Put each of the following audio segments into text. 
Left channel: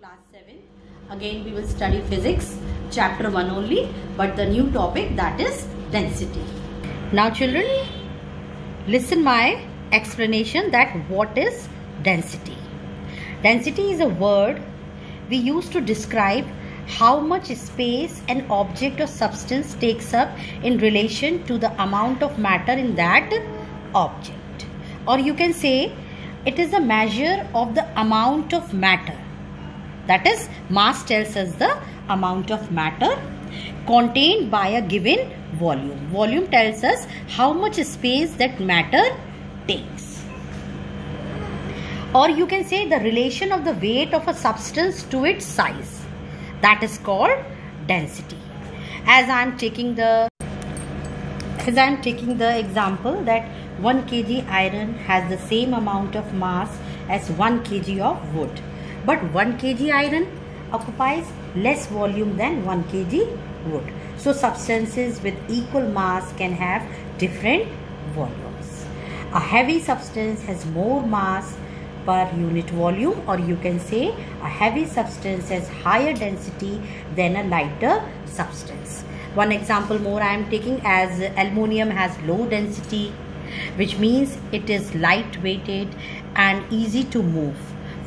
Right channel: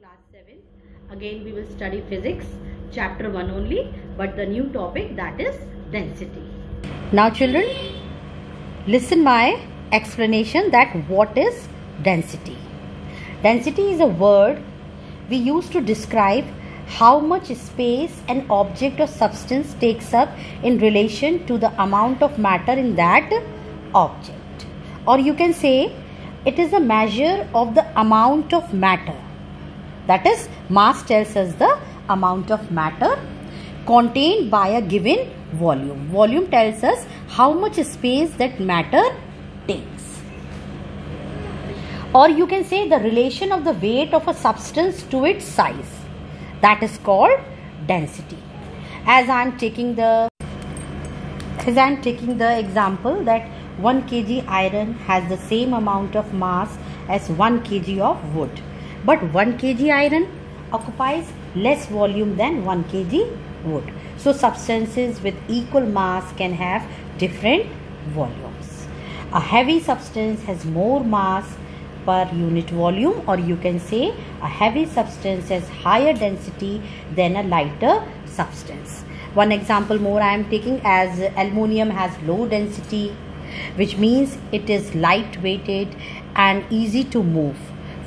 class 7. Again we will study physics chapter 1 only, but the new topic, that is density. Now children, listen my explanation that what is density. Density is a word we use to describe how much space an object or substance takes up in relation to the amount of matter in that object. Or you can say it is a measure of the amount of matter. That is, mass tells us the amount of matter contained by a given volume. Volume tells us how much space that matter takes. Or you can say the relation of the weight of a substance to its size. That is called density. As I am taking the example that 1 kg iron has the same amount of mass as 1 kg of wood. But 1 kg iron occupies less volume than 1 kg wood. So substances with equal mass can have different volumes. A heavy substance has more mass per unit volume, or you can say a heavy substance has higher density than a lighter substance. One example more I am taking, as aluminium has low density, which means it is light weighted and easy to move.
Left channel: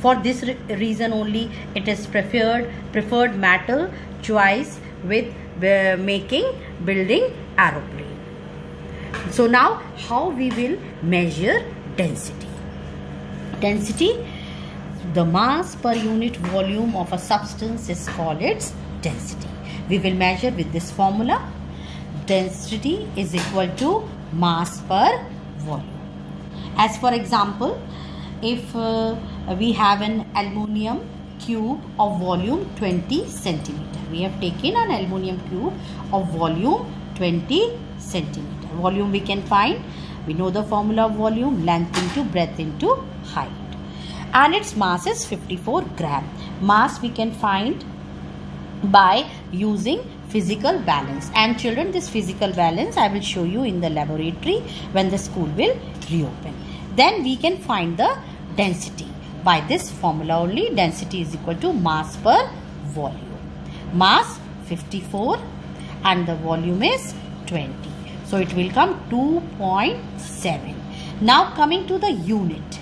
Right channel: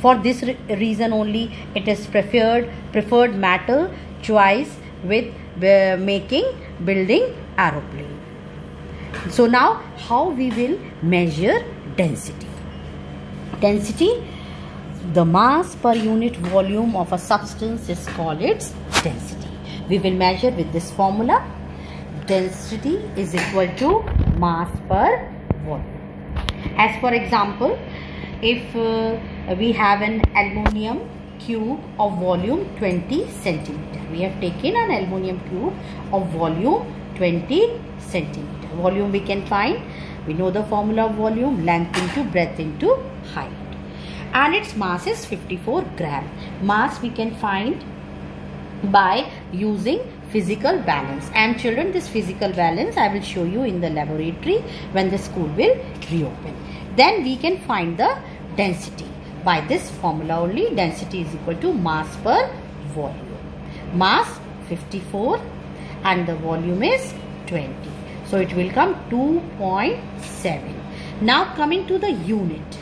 For this reason only it is preferred metal choice with building aeroplane. So now how we will measure density? Density, the mass per unit volume of a substance is called its density. We will measure with this formula. Density is equal to mass per volume. As for example, if we have an aluminium cube of volume 20 centimeter. We have taken an aluminium cube of volume 20 centimeter. Volume we can find. We know the formula of volume, length into breadth into height. And its mass is 54 gram. Mass we can find by using physical balance. And children, this physical balance I will show you in the laboratory when the school will reopen. Then we can find the density. By this formula only, density is equal to mass per volume. Mass 54 and the volume is 20. So it will come 2.7. Now coming to the unit.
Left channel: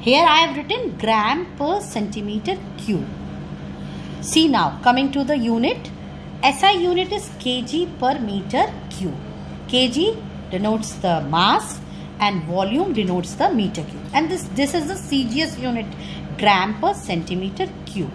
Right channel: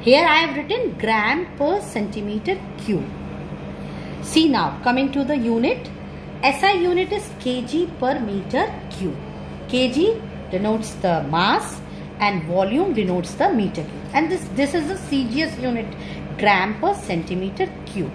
Here I have written gram per centimeter cube. See now, coming to the unit. SI unit is kg per meter cube. Kg denotes the mass and volume denotes the meter cube. And this is the CGS unit, gram per centimeter cube.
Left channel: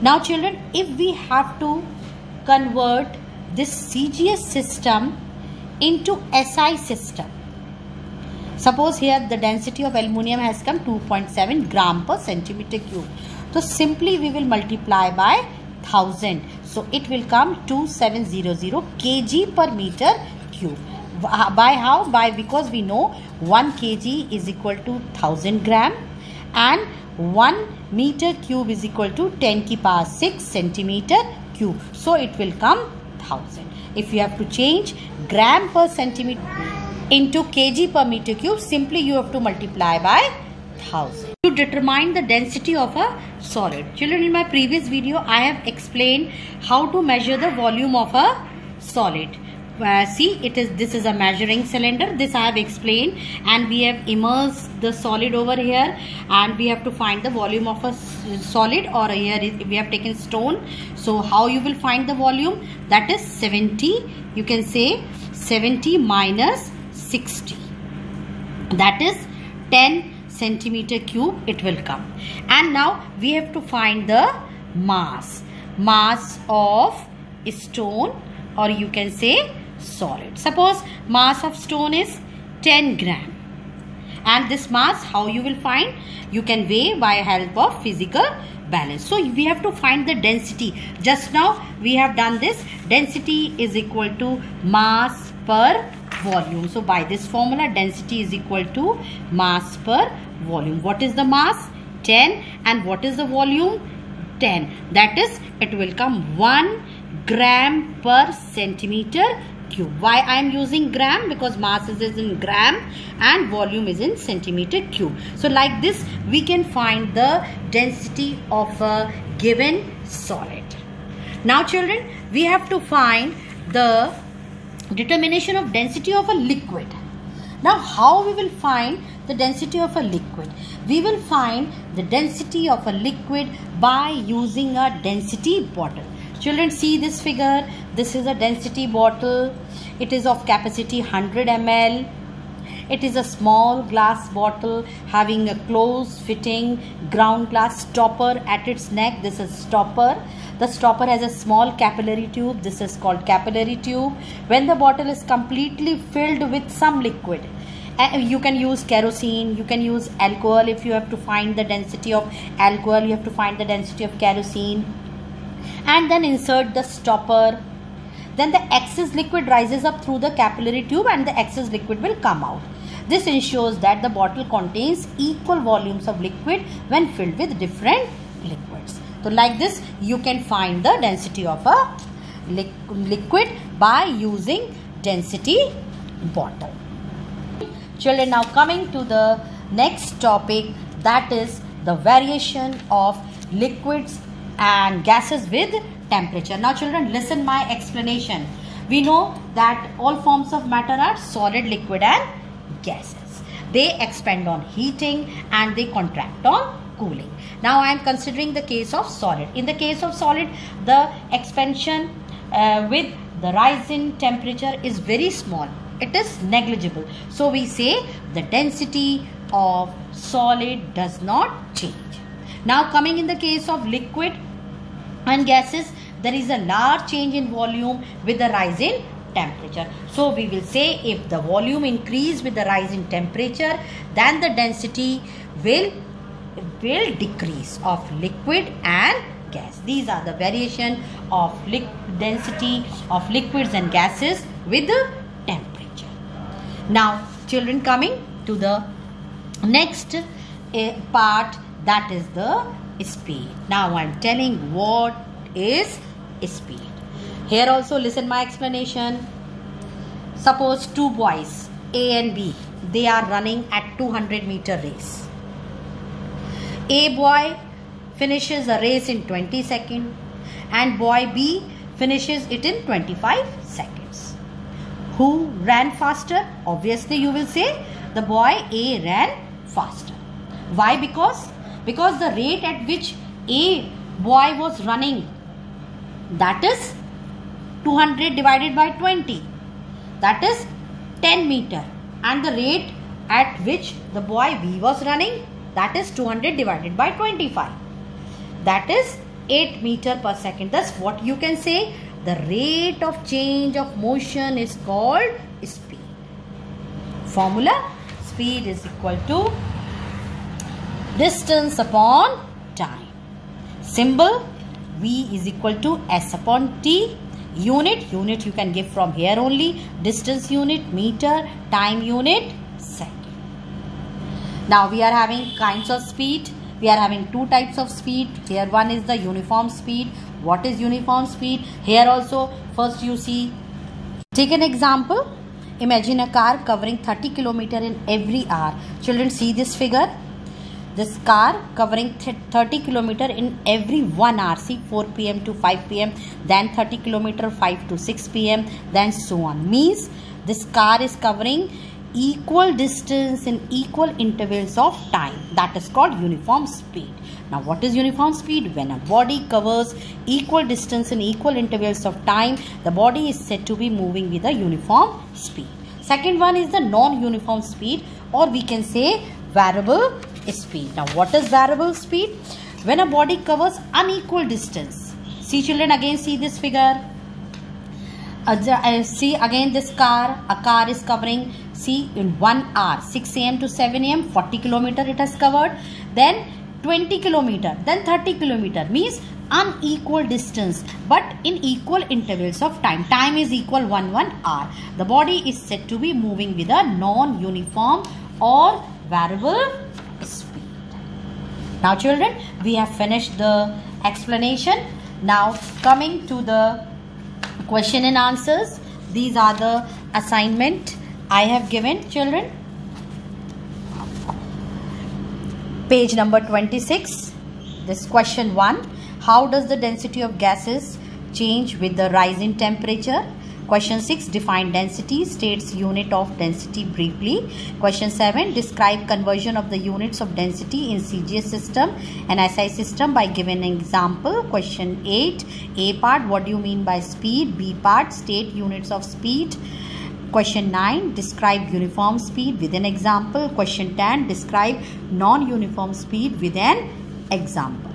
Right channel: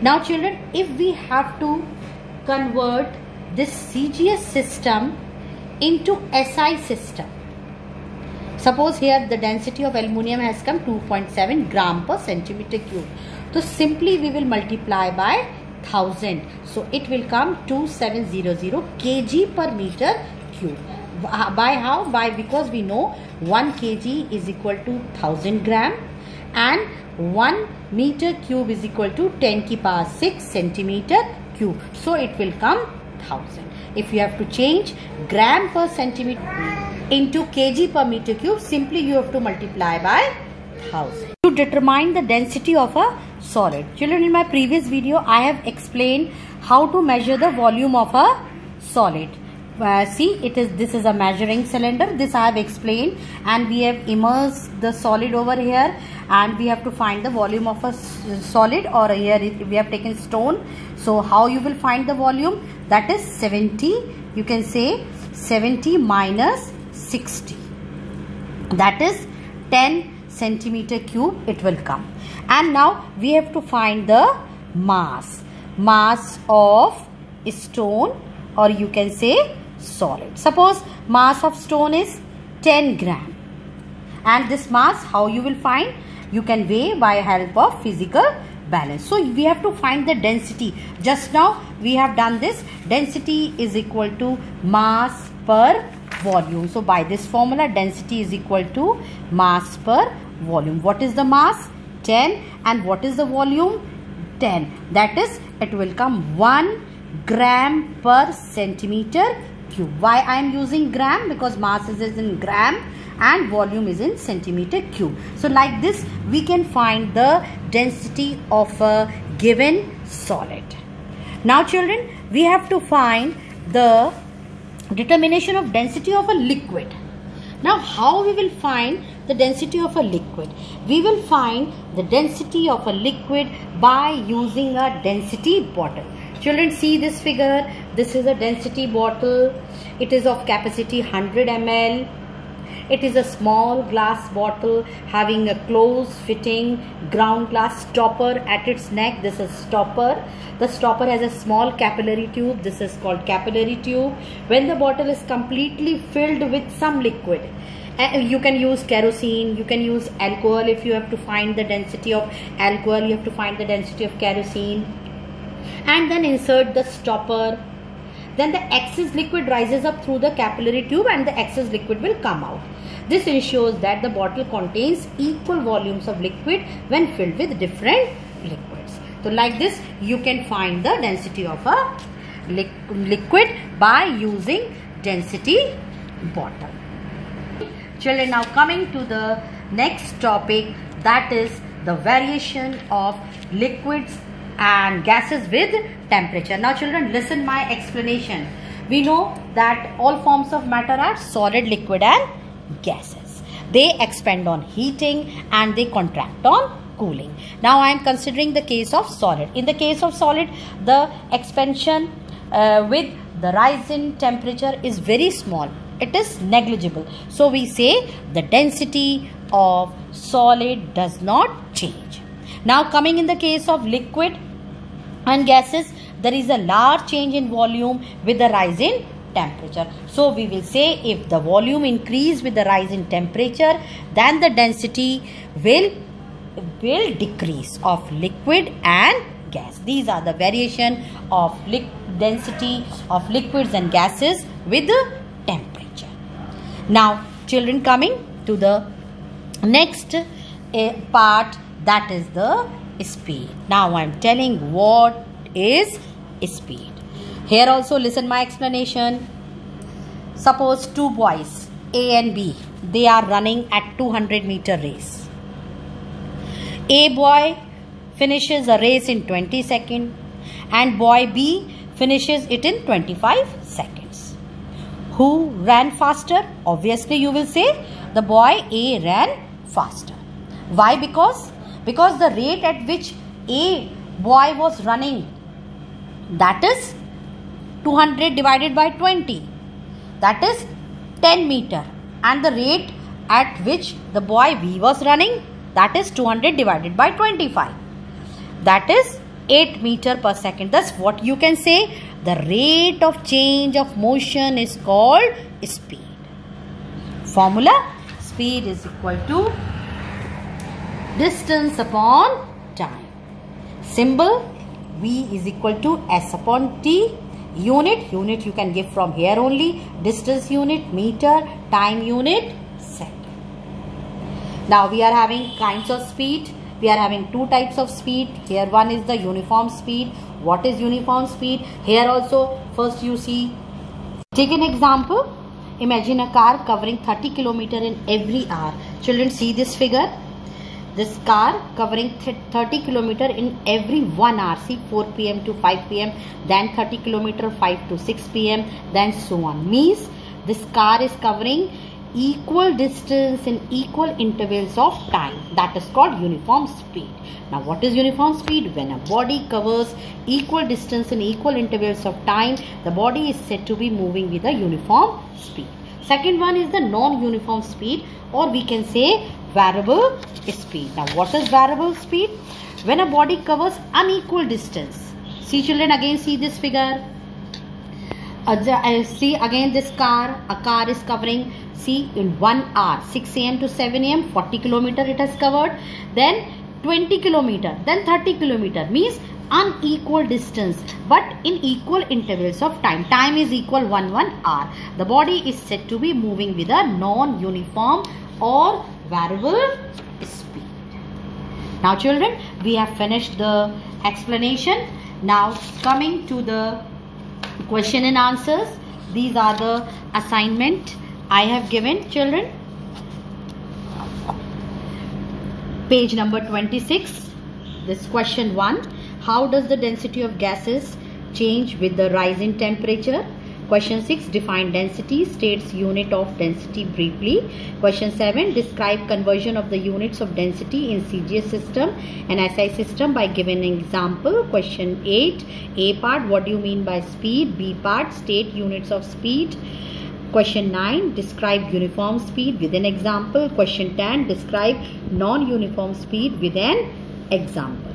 Now children, if we have to convert this CGS system into SI system, suppose here the density of aluminium has come 2.7 gram per centimeter cube. So simply we will multiply by 1000. So it will come 2700 kg per meter cube. By how? Because we know 1 kg is equal to 1000 gram and 1 meter cube is equal to 10 to the power 6 centimeter cube. So it will come 1000. If you have to change gram per centimeter into kg per meter cube, simply you have to multiply by 1000. To determine the density of a solid. Children, in my previous video I have explained how to measure the volume of a solid. See, this is a measuring cylinder. This I have explained, and we have immersed the solid over here, and we have to find the volume of a solid, or here we have taken stone. So how you will find the volume? That is 70. You can say 70 minus 60. That is 10 centimeter cube it will come. And now we have to find the mass of stone, or you can say solid. Suppose mass of stone is 10 gram. And this mass, how you will find? You can weigh by help of physical balance. So we have to find the density. Just now we have done this. Density is equal to mass per volume. So by this formula, density is equal to mass per volume. What is the mass? 10. And what is the volume? 10. That is, it will come 1 gram per centimeter cube. Why I am using gram? Because mass is in gram and volume is in centimeter cube. So like this we can find the density of a given solid. Now children, we have to find the determination of density of a liquid. Now how we will find the density of a liquid? We will find the density of a liquid by using a density bottle. Children, see this figure. This is a density bottle. It is of capacity 100 ml. It is a small glass bottle having a close fitting ground glass stopper at its neck. This is stopper. The stopper has a small capillary tube. This is called capillary tube. When the bottle is completely filled with some liquid, you can use kerosene, you can use alcohol. If you have to find the density of alcohol, you have to find the density of kerosene, and then insert the stopper. Then the excess liquid rises up through the capillary tube and the excess liquid will come out. This ensures that the bottle contains equal volumes of liquid when filled with different liquids. So like this you can find the density of a liquid by using density bottle. Children, now coming to the next topic, that is the variation of liquids and gases with temperature. Now children, listen my explanation. We know that all forms of matter are solid, liquid and gases. They expand on heating and they contract on cooling. Now I am considering the case of solid. In the case of solid, the expansion with the rise in temperature is very small. It is negligible. So we say the density of solid does not change. Now coming in the case of liquid and gases, there is a large change in volume with the rise in temperature. So we will say if the volume increase with the rise in temperature, then the density will decrease of liquid and gas. These are the variation of density of liquids and gases with the temperature. Now children, coming to the next part, that is the speed. Now I am telling what is speed. Here also listen my explanation. Suppose two boys A and B, they are running at 200-meter race. A boy finishes a race in 20 seconds and boy B finishes it in 25 seconds. Who ran faster? Obviously you will say the boy A ran faster. Why? Because the rate at which A boy was running, that is 200 divided by 20, that is 10 meter, and the rate at which the boy B was running, that is 200 divided by 25, that is 8 meter per second. Thus what you can say, the rate of change of motion is called speed. Formula: speed is equal to distance upon time. Symbol: V is equal to S upon T. Unit you can give from here only. Distance unit meter, time unit second. Now we are having kinds of speed. We are having two types of speed. Here one is the uniform speed. What is uniform speed? Here also first you see. Take an example. Imagine a car covering 30 km in every hour. Children, see this figure. This car covering 30 km in every 1 hour. See, 4 p.m. to 5 p.m. Then 30 km 5 to 6 p.m. Then so on. Means this car is covering equal distance in equal intervals of time. That is called uniform speed. Now what is uniform speed? When a body covers equal distance in equal intervals of time, the body is said to be moving with a uniform speed. Second one is the non-uniform speed, or we can say variable speed. Now what is variable speed? When a body covers unequal distance. See children, again see this figure. See again this car. A car is covering, see, in 1 hour, 6 a.m. to 7 a.m. 40 km it has covered. Then 20 km, then 30 km, means unequal distance but in equal intervals of time. Time is equal 1 hour. The body is said to be moving with a non-uniform or variable speed. Now children, we have finished the explanation. Now coming to the question and answers. these are the assignment I have given children. Page number 26. This question 1. How does the density of gases change with the rise in temperature? Question 6. Define density. States unit of density briefly. Question 7. Describe conversion of the units of density in CGS system and SI system by giving an example. Question 8. A part. What do you mean by speed? B part. State units of speed. Question 9. Describe uniform speed with an example. Question 10. Describe non-uniform speed with an example.